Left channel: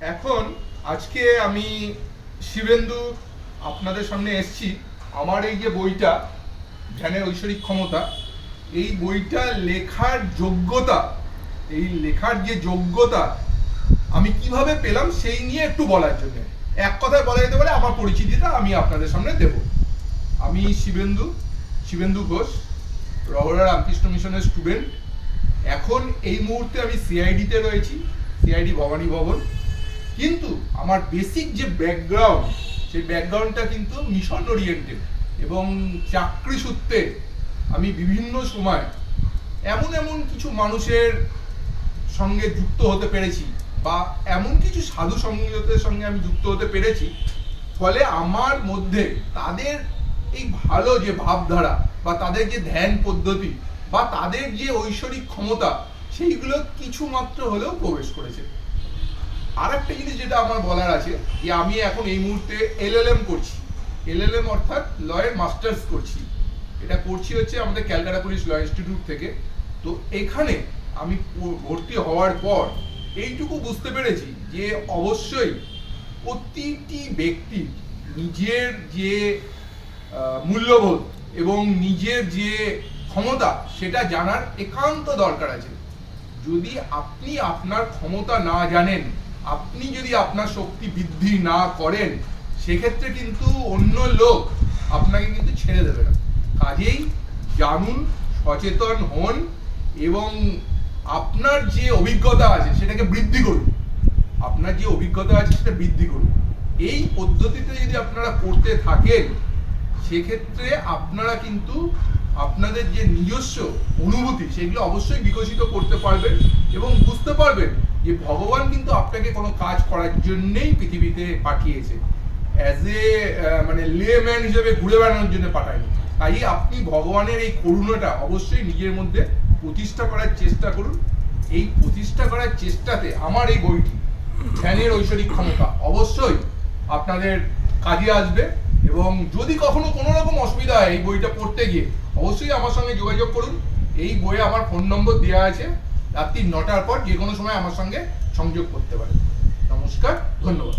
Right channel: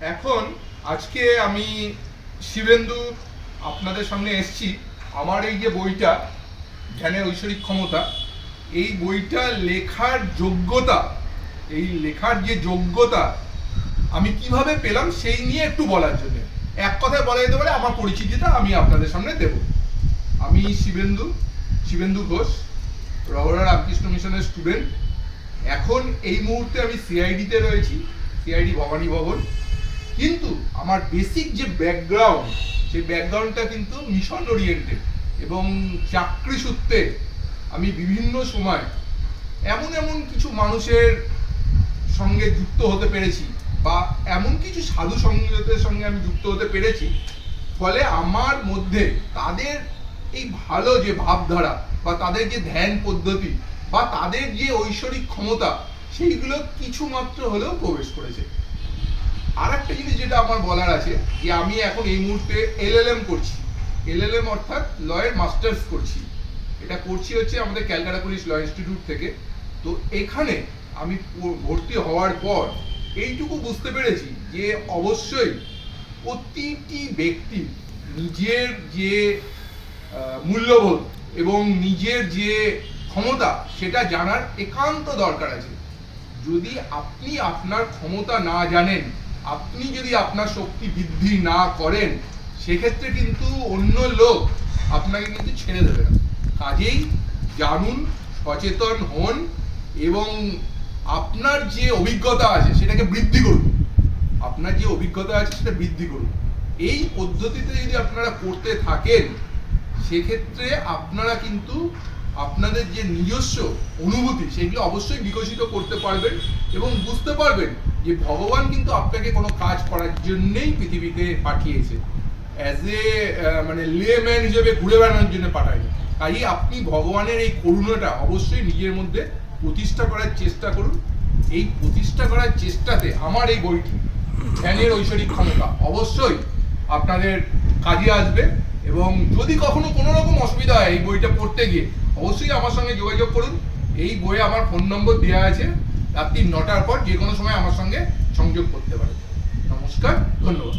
এখন আজকে আমি শিবেন্দু আপনাদের সামনে এসেছি। আমার এই যে বইটা, ধ্যানের ঐশ্বরিক ক্ষমতা, এই বইটা লেখার যোগ্যতা, এই লেখার যে যোগ্যতা আমি কীভাবে পেলাম সেই নিয়ে একটু বলার জন্য। এক কথায় বলা যেতে পারে আমার পরিচিতিটা আমি আপনাদের সামনে দেব। আমি শিবেন্দু শিবেন্দু ঘোষ রবরা রামকৃষ্ণ মিশনের স্টুডেন্ট এখন এই মুহূর্তে আমি সিআইডিতে রয়েছি সিআইডি ভবানী ভবন। কিন্তু আমার বেসিক যে ব্যাকগ্রাউন্ড সেই ব্যাকগ্রাউন্ডটা কিন্তু মিশন ওরিয়েন্টেড এবং চাকরি সূত্রে আমি বিভিন্ন সময় এমন এমন কিছু মানুষের সঙ্গে যুক্ত হতে পেরেছি বা এমন কিছু সাধু সঙ্গীতের সঙ্গে আমি যুক্ত হতে পেরেছি, ফলে আমার মধ্যে তাদের এই ভালো যে ভাবধারা বা তাদের যে ধ্যান পদ্ধতি বা তাদের যে ঐশ্বরিক ক্ষমতা, সেইগুলো কিছু মাত্র হলেও প্রবেশ করেছে। আর একটা জিনিস যেটা আমার বলার আছে, যে আমি এখন এই মুহূর্তে এলএলএম করছি। এলএলএম অর্থাৎ লয়ের মাস্টার্স করছি। এটা করছি হচ্ছে আমাদের ক্যালকাটা পুলিশ ল ইনস্টিটিউট থেকে। তো এখানে আমি ভর্তি হওয়ার পর এইটুকু বুঝতে পেরেছি যে অবশ্যই প্রতিটি ব্যক্তি নিজের যে মূল্যবোধ এবং নিজের যে ক্ষমতা, সেটা জানার একান্ত দরকার আছে। যদি আপনি আপনার ক্ষমতা না জানেন আপনি যদি আপনার শক্তি বৃদ্ধি না করেন, সেক্ষেত্রে কিন্তু অন্য লোক আপনাকে কিন্তু ছেড়ে দেবে না। কাজেই জানুন, সচেতন হন এবং আপনার যে অভিজ্ঞতা আছে সেটাকে বৃদ্ধি করুন। আপনার যে অভিজ্ঞতা আছে সেটা বৃদ্ধি করুন। এই পদ্ধতিতে যদি আপনারা করতে থাকেন, সেক্ষেত্রে আপনারা কিন্তু আপনাদের যে নিজস্ব অনুভূতি, সেগুলো অবশ্যই বিকশিত করতে পারবেন এবং বুঝতে পারবেন যে ভগবান কিন্তু আপনাকে কোনো কাজ করার জন্যই পৃথিবীতে পাঠিয়েছে। অ্যাজ এ মানে লেম্যান হিসেবে ঘুরে বেড়ানোর জন্য পাঠায়নি। তাই আপনি ভগবানের এই করুণাটা অবশ্যই নিজের মধ্যে প্রতিষ্ঠা করার চেষ্টা করুন। এই প্রতিষ্ঠা করার চেষ্টাতে আমার এই বইটি, ধ্যানের ঐশ্বরিক ক্ষমতা, অবশ্যই আপনাদের কাজে আসবে এবং যদি কখনো কোনো রকম অসুবিধা হয় এই বইটা পড়তে গিয়ে, অবশ্যই আমার সঙ্গে যোগাযোগ করুন। এই বইয়ে আমার ফোন নম্বর দেওয়া আছে। রাত্রি নটার পর যে কোনো সময় আমার সঙ্গে সংযোগ করতে পারেন। নমস্কার ধন্যবাদ।